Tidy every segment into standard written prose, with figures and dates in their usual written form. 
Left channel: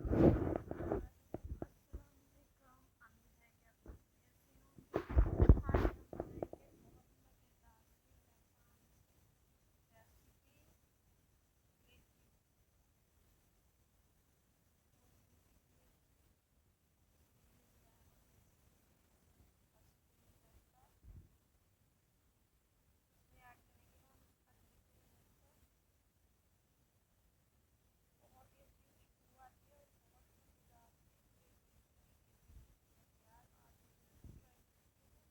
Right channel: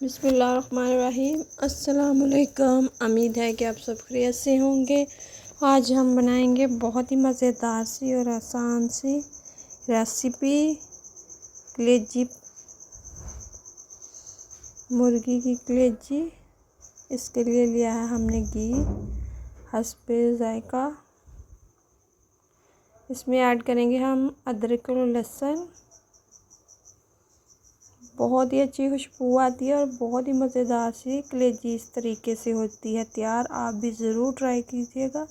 बिस्मिल्लाहिर्रहमानिर्रहीम। अस्सलामुअलैकुम। उम्मीद है कि आप सब खैरियत से होंगे। आज हम बनाएंगे बहुत ही मज़ेदार सी और आसान सी रेसिपी कलेजी, मुर्गी की कलेजी। इसके लिए लिया है हमने घी हस्बे ज़ायका। इसमें ऐड करेंगे हम अदरक और लहसुन। बहुत ही अच्छी खुशबू आती है और बहुत ही मज़ेदार सी कलेजी इस तरीके से होती है तैयार। आप भी ज़रूर ट्राई कीजिएगा।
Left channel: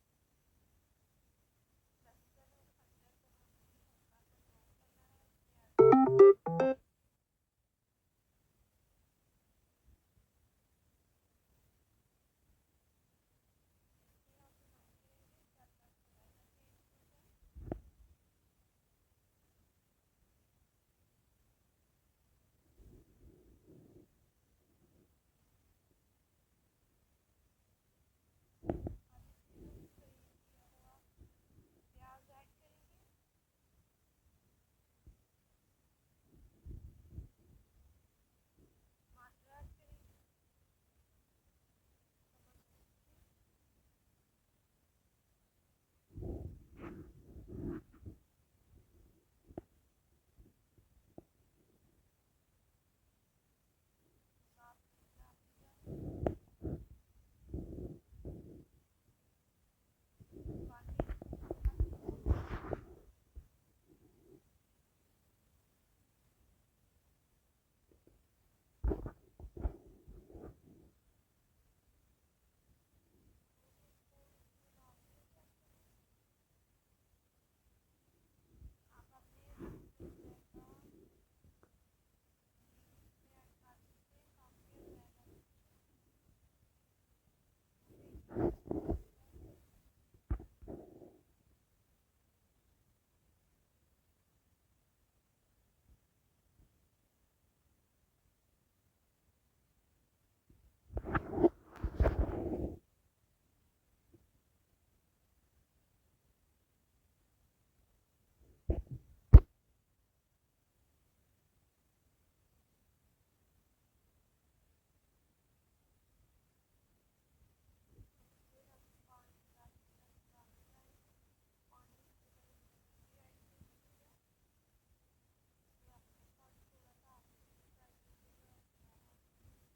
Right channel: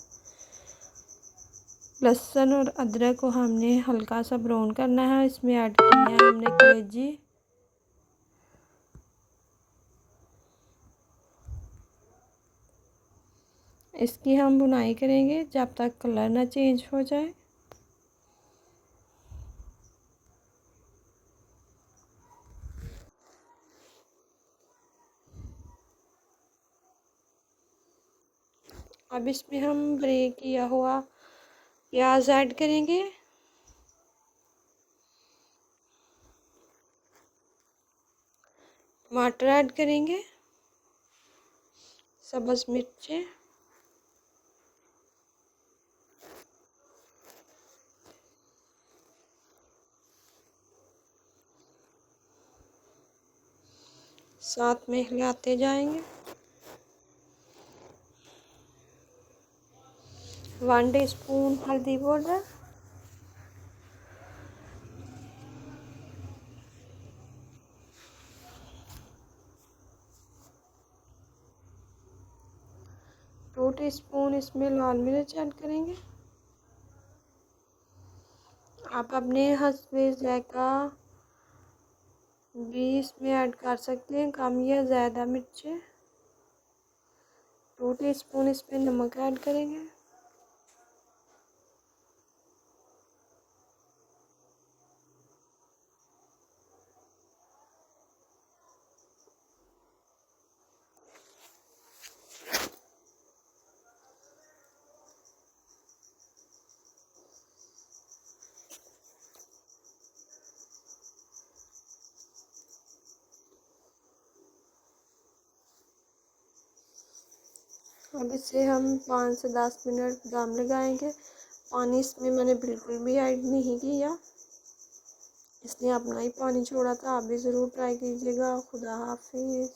लहसुन और अदरक को हमने हल्का सा ब्राउन करना है। इसमें ऐड करनी है हमने कलेजी। इसकी हम भुनाई करेंगे जब तक कलर ना चेंज हो जाए। अब इसमें हम ब्रेक किया हुआ प्याज ऐड करेंगे। टमाटर ऐड करेंगे। सब्ज़ मिर्चें, साथ में हिलाते जाएंगे। 1 टीस्पून हल्दी पाउडर, 2 टीस्पून इसमें लाल मिर्च ऐड करेंगे। आप अपने हस्बे ज़ायका भी इसमें ऐड कर सकते हैं, कम या ज़्यादा मिर्चें। 2 टीस्पून इसमें नमक ऐड करेंगे। अब इसे हम 5 से 10 मिनट दम लगाएंगे। पानी इसमें मैंने बिल्कुल भी ऐड नहीं किया, इसने अपना ही पानी छोड़ा था। आप भी ज़रूर ट्राई कीजिएगा। खुदा हाफिज़।